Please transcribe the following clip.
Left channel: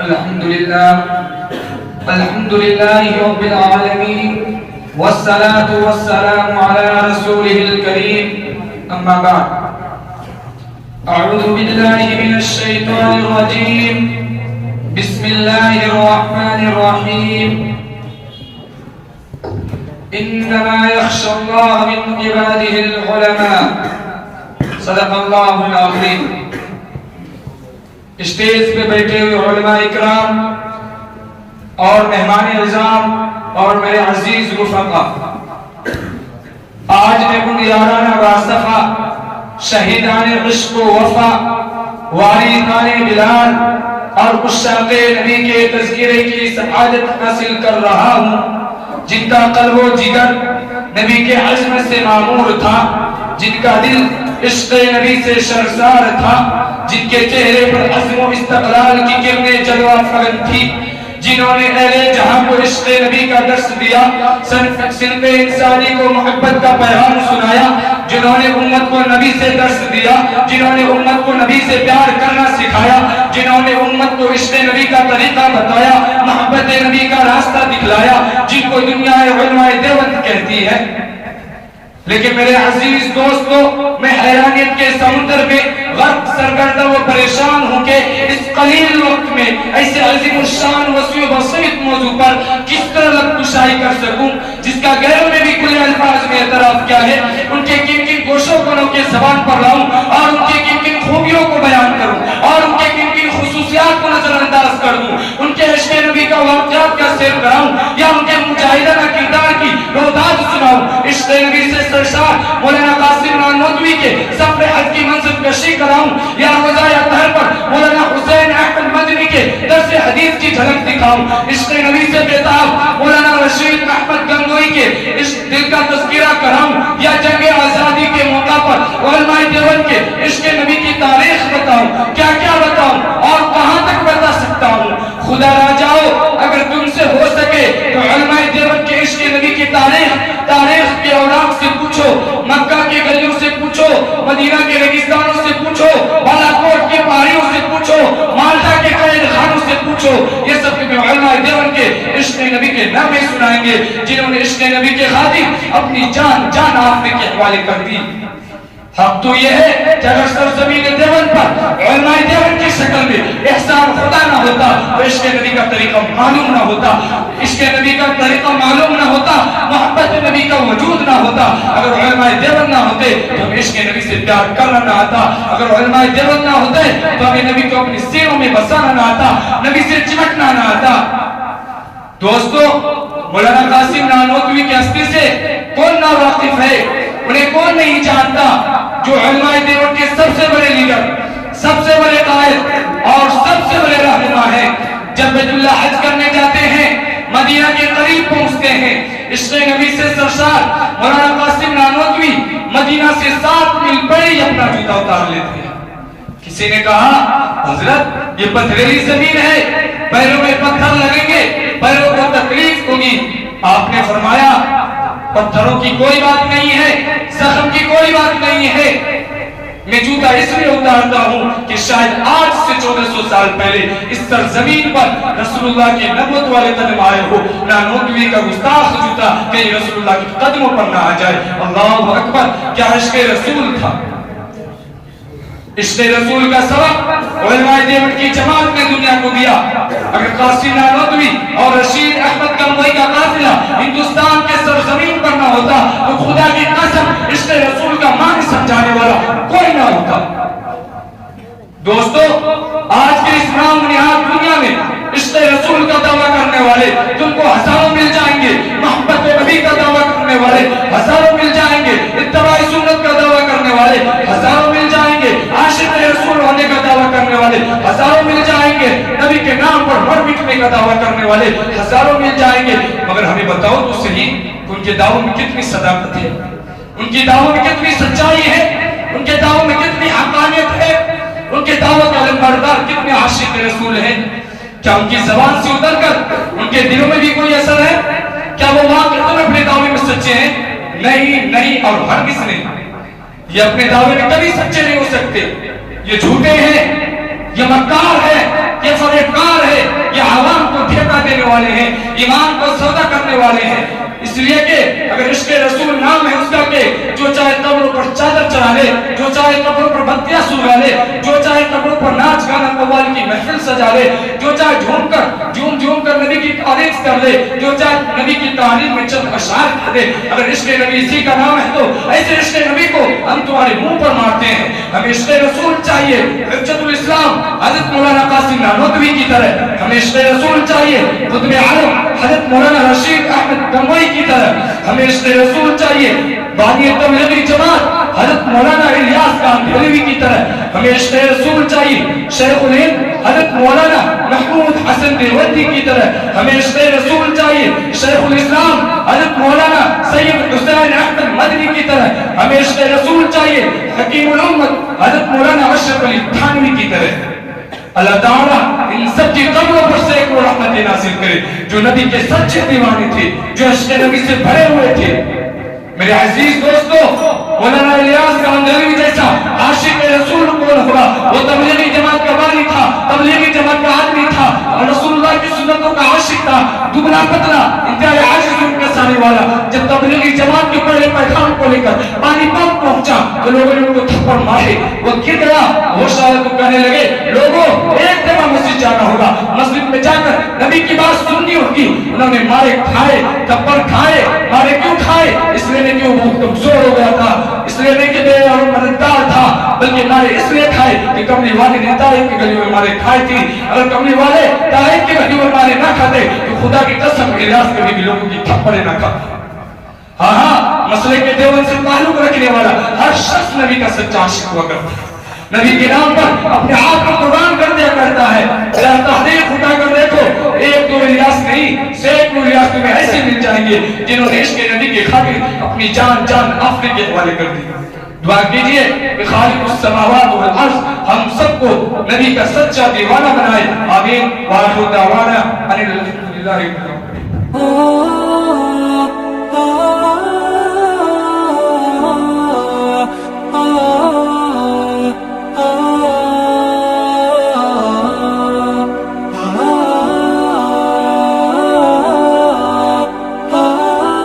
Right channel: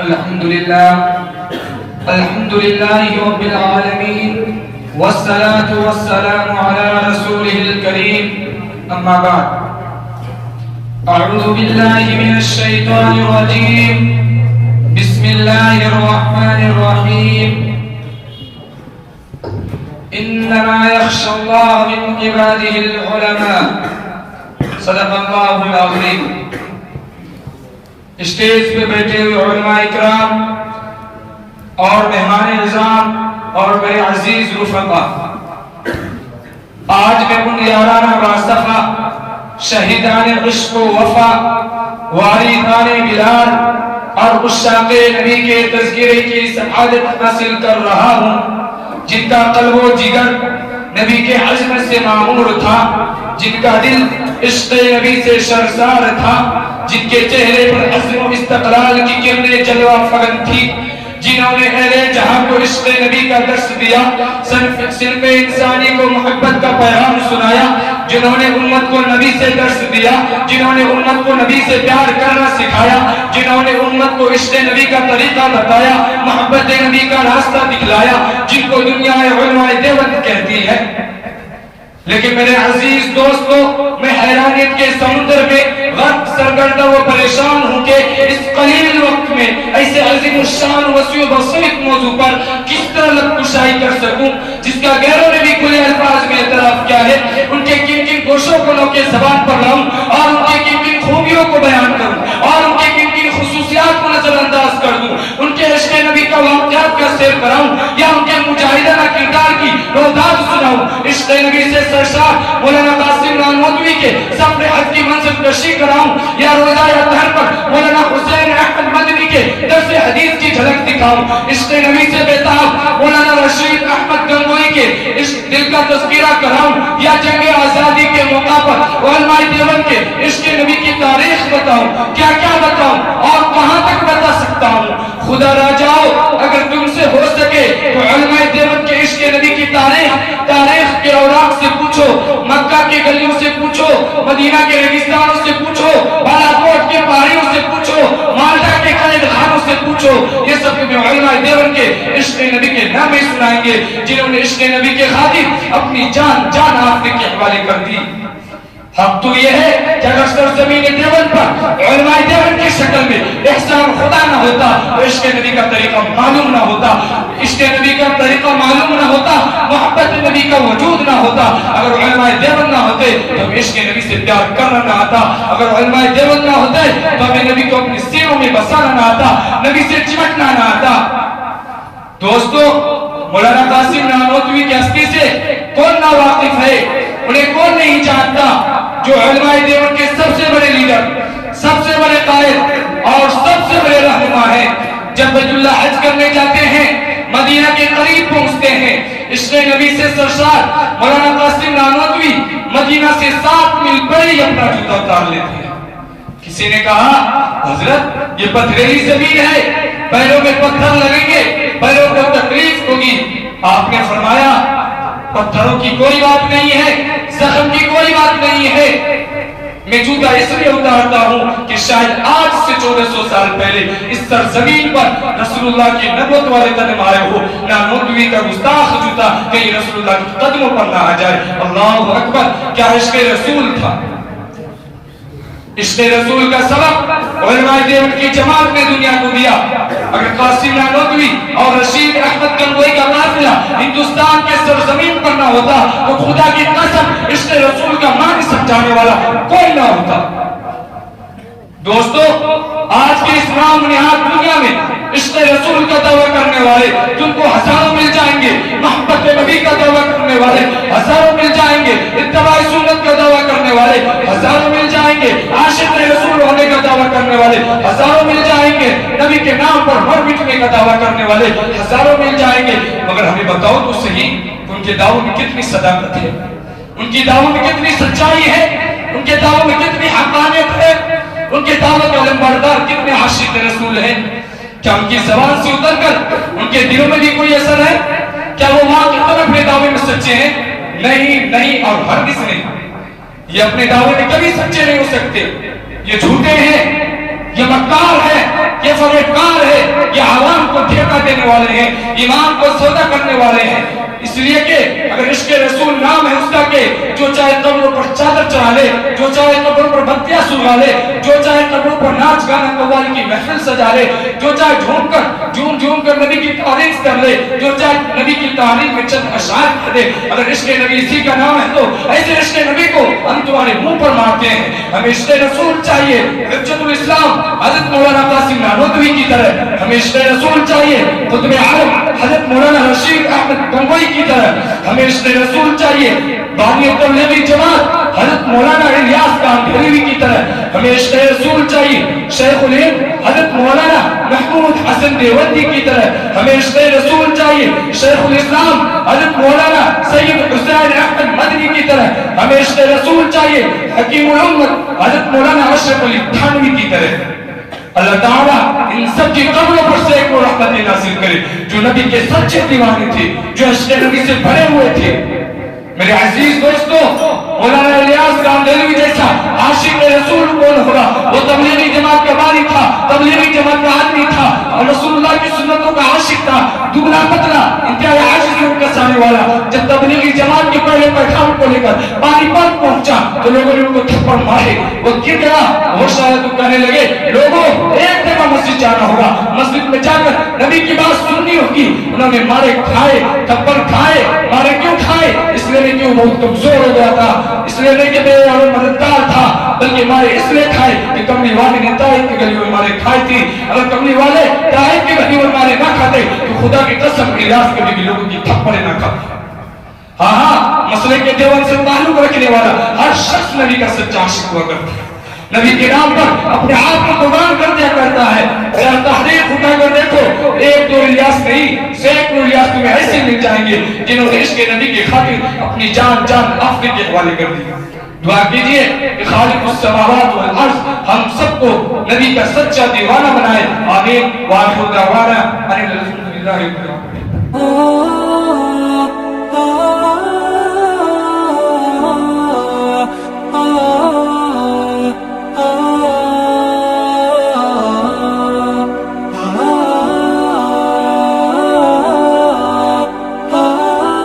الحمد لله رب العالمين والصلاة والسلام على رسوله الكريم أما بعد أعوذ بالله من الشيطان الرجيم بسم الله الرحمن الرحيم إنما يخشى الله من عباده العلماء صدق الله العظيم اسٹیج پہ بیٹھے ہوئے علماء اکرام اور مہمان اعظام اور میرے عزیز رفقا، آج میں ان یارانہ راسخہ شہیدان عشق و وفا واریثان بلال اور عشاق نبی کے تذکرے کی سعادت حاصل کر رہا ہوں، جن کا قلب و جگر نبی کے عظمت سے معمور تھا، جن کا دل عشق نبی سے شرسار تھا، جن کے چہرے پر عزم و استقلال کی کرنیں جلوہ فگن تھی، جنہوں نے اہل جہاں کو عشق نبی کا درس دیا، صنف انسانی کو محبت کا پیغام سنایا، جنہوں نے امت کو نبی سے درس دیا، جنہوں نے امت کو نبی سے پیار کرنا سکھایا، جنہوں نے امت کو عشق نبی کا طریقہ بتایا، محبت نبی کا راستہ دکھلایا، جن کو دنیا علماء دیوبند کہتی ہے۔ لیکن میرے عزیز دوستو، میں حیرانیت کے سمندر میں غرق سرگردہ و پریشان ہوں کہ اس قلیل وقت میں ایسے عظیم الشان وسیع و بسیط موضوع پر کس طرح لب کشائی کر سکوں، جس کا غیروں نے بھی کھلے الفاظ میں اعتراف کیا ہے، ان کے کن کن گوشوں گنوں کے زبان پر لاؤں اور ان کے کن کن خوبیوں کو بیان کروں اور ان کے کن کن خصوصیات کو نظر انداز کر دوں، ان کے عشق نبی کا واقعات کا سیر کراؤں یا ان کے مجاہدانہ کردار کی روایات سناؤں، عشق نبی سے سرشار مولانا قاسم نانوتوی کے سفر حج کی منزل کشی کراؤں یا روزہ اطہر پر مولانا حسین احمد مدنی کے درس حدیث کی جھلک دکھاؤں، عشق نبی سے بےتاب مولانا رشید احمد گنگوئی کے عشق دل کا تذکرہ کراؤں یا جنگ آزادی کے موقع پر علماء دیوبند کے عشق نبی کی تاریخ بتاؤں، کیا کیا بتاؤں اور کہاں تک بتا سکتا ہوں۔ خدا را جاؤ، اگر تم سے ہو سکے تو علماء دیوبند کے عشق نبی کی تاریخ کے اوراق سے پوچھو، مکہ کے گلیوں سے پوچھو، مدینہ کے ریگستانوں سے پوچھو، بالاکوٹ کے پہاڑیوں سے پوچھو، مالٹا کے قید خانوں سے پوچھو، یہ سب کے علماء دیوبند کے عشق نبی کے نام سنائیں گے، جنہوں نے عشق نبی کے خاطر اپنی جان آفتے کے حوالے کر دی۔ حق تو یہ ہے کہ اگر سرزمین دیوبند پر علماء دیوبند کی شکل میں احسان خدا نہ ہوتا تو عشق نبی کا طریقہ معلوم نہ ہوتا، عشق نبی کا طریقہ معلوم نہ ہوتا، محبت نبی کا وجود نہ ہوتا، اگر علماء دیوبند نہ ہوتے تو ہمیں عشق نبی سے پیار کرنا نہ آتا، اگر علماء دیوبند نہ ہوتے تو ہمیں نبی کو اپنے سینوں میں بسانا نہ آتا، نبی سے چمٹنا نہ آتا۔ دوستو، مولانا قاسم نانوتوی کی ہستی سے کون نا واقف ہے، انہیں کون نہیں جانتا، جو علماء دیوبند کے سب سے بڑے لیڈر، سب سے بڑے قائد اور سب سے بڑے رہنما ہیں۔ جب بیت اللہ حج کرنے جاتے ہیں، مدینہ کے قریب پہنچتے ہیں، عشق نبی سے سرشار مولانا قاسم نانوتوی مدینہ سے 7 میل پڑے ہی اپنا جوتا اتار لیتے ہیں۔ کسی نے کہا، حضرت یہ پتھریلی زمین ہے، پیروں میں پتھر لگیں گے، پیروں کو تکلیف ہوگی۔ آپ نے فرمایا، پتھروں کی کوئی بات نہیں ہے، زخم کی کوئی بات نہیں ہے، میں جوتا اس لیے اتارتا ہوں کہ شاید آج سے 1400 سال پہلے اس سرزمین پر رسول اللہ کی نبوت والے قدم آئے ہو، نانوتوی کا گستاخ جوتا کہیں رسول اللہ کے قدموں پر نہ آ جائے۔ اللہ اکبر، کیا عشق رسول تھا! عشق رسول کا سبب علماء دیوبند کی جماعت نے دنیا کو دیا۔ اگر قاسم نانوتوی اور رشید احمد گنگوئی کا قافلہ ہندوستان کے سرزمین پر نہ ہوتا تو خدا کی قسم عشق رسول کا معنی سمجھانے والا کوئی نہ ہوتا۔ دوستو، آج کے اسلام نہاد دنیا میں عشق رسول کا دعویٰ کرنے والے تم کو ہزاروں مل جائیں گے، محبت نبی کا دعویٰ کرنے والے ہزاروں مل جائیں گے، اتباع سنت کا دعویٰ کرنے والے ہزاروں مل جائیں گے، عاشق رسول ہونے کا دعویٰ کرنے والے ہزاروں مل جائیں گے، نبی کے نام پر مر مٹنے کا دعویٰ کرنے والے ہزاروں مل جائیں گے، مگر ہمیں بتاؤ تو صحیح ان کے دعووں میں کتنی صداقت ہے، ان کے دعووں میں کتنی سچائی ہے، ان کے دعووں میں کتنی حقانیت ہے، ان کے دعووں کا علمبردار کتنے عاشق رسول ہیں۔ کیا ان کی زبان سے اتر کر ان کے دلوں میں بھی کوئی اثر ہے؟ کیا وہ ماں کی طرح اپنے دعوے میں سچے ہیں؟ نہیں اور ہرگز نہیں، یہ اپنے دعوے میں کبھی سچے نہیں ہو سکتے، یہ جھوٹے ہیں، یہ مکار ہیں، یہ فریبکار ہے، یہ عوام کو دھوکہ دینے والے ہیں، ایمان کو سودا کرنے والے ہیں۔ اس لیے کہ اگر عشق رسول نام ہے اس کا کہ جو چاہے قبروں پر چادر چڑھا لے، جو چاہے قبروں پر بتیاں سلگا لے، جو چاہے قبروں پر ناچ گانا قوالی کی محفل سجا لے، جو چاہے جھوم کر نبی کی تعریف کر لے، جو چاہے نبی کی تعریف میں چند اشعار کر دے، اگر عشق نبی اسی کا نام ہے تو ایسے عشق نبی کو ہم تمہارے منہ پر مارتے ہیں۔ ہمیں عشق رسول چاہیے حجت الاسلام حضرت مولانا قاسم نانوتوی کی طرح، ہمیں عشق رسول چاہیے قطب عالم حضرت مولانا رشید احمد گنگوئی کی طرح، ہمیں عشق رسول چاہیے بانی تبلیغی جماعت حضرت مولانا الیاس کاندھلوی کی طرح، ہمیں عشق رسول چاہیے شیخ الہند حضرت مولانا محمود حسن دیوبندی کی طرح، ہمیں عشق رسول چاہیے شیخ الاسلام حضرت مولانا سید حسین احمد مدنی کی طرح، ہمیں عشق رسول چاہیے حکیم الامت حضرت مولانا اشرف علی تھانوی کی طرح۔ اللہ تعالیٰ ان سب کی قبروں پر سے ایک رحمت نازل کرے جو نبی کے سچے دیوانے تھے، جو عشق نبی سے بھرے ہوئے تھے۔ میرے عزیز دوستو، مولانا الیاس کاندھلوی جیسا عاشق رسول کون ہوگا؟ وہ تبلیغی جماعت کا بانی تھا، تبلیغی جماعت کا آدمی تھا اور رسول اللہ کی سنتوں کا عاشق تھا، دبلا پتلا انتہائی عاجز روح کے سامنے والا۔ جب تبلیغی جماعت کے پہلے پیغام کو لے کر پانی پاک پہنچا تو لوگوں نے ان کو تھپڑ مارے، وہ گر گیا۔ وہ شاید تو کہنے لگے لوگوں ایک دفعہ مسجد جانا ہوگا، مسجد میں جا کر نبی کی بات سننی ہوگی۔ انہوں نے مارے کھائے، تھپڑ کھائے، مارے کیوں کھائے؟ اس لیے نہیں کہ وہ بہت کمزور ہو گیا تھا، اس لیے نہیں کہ بے اور مددگار تھا، بلکہ مارے اس لیے کھائے کہ کملی والے نے طائف کی گلی میں مارے کھائی تھی۔ اگر کملی والے طائف کی گلی میں مارے نہ کھاتے تو خدا کی قسم الیاس کبھی بھی لوگوں کی تھپڑیں نہ کھاتے۔ ہاں مسئلے کے دیوبند سے تعلق رکھنے والا ہر شخص نبی کا سچا عاشق ہوا کرتا ہے، نبی کے نام پر اپنے آپ کو قربان کر دیا کرتا ہے۔ ذرا تحقیق اٹھا کر دیکھو، ایک دو الیاس نہیں سینکڑوں الیاس تمہیں ایسے مل جائیں گے جنہوں نے عشق نبی کی خاطر اپنی جان آخرت کے حوالے کر دی۔ دعا کیجئے کہ خالق السماوات والارض ہم سب کو نبی کا سچا دیوانہ بنائے، آمین۔ وآخر دعوانا ان الحمد للہ رب العالمین۔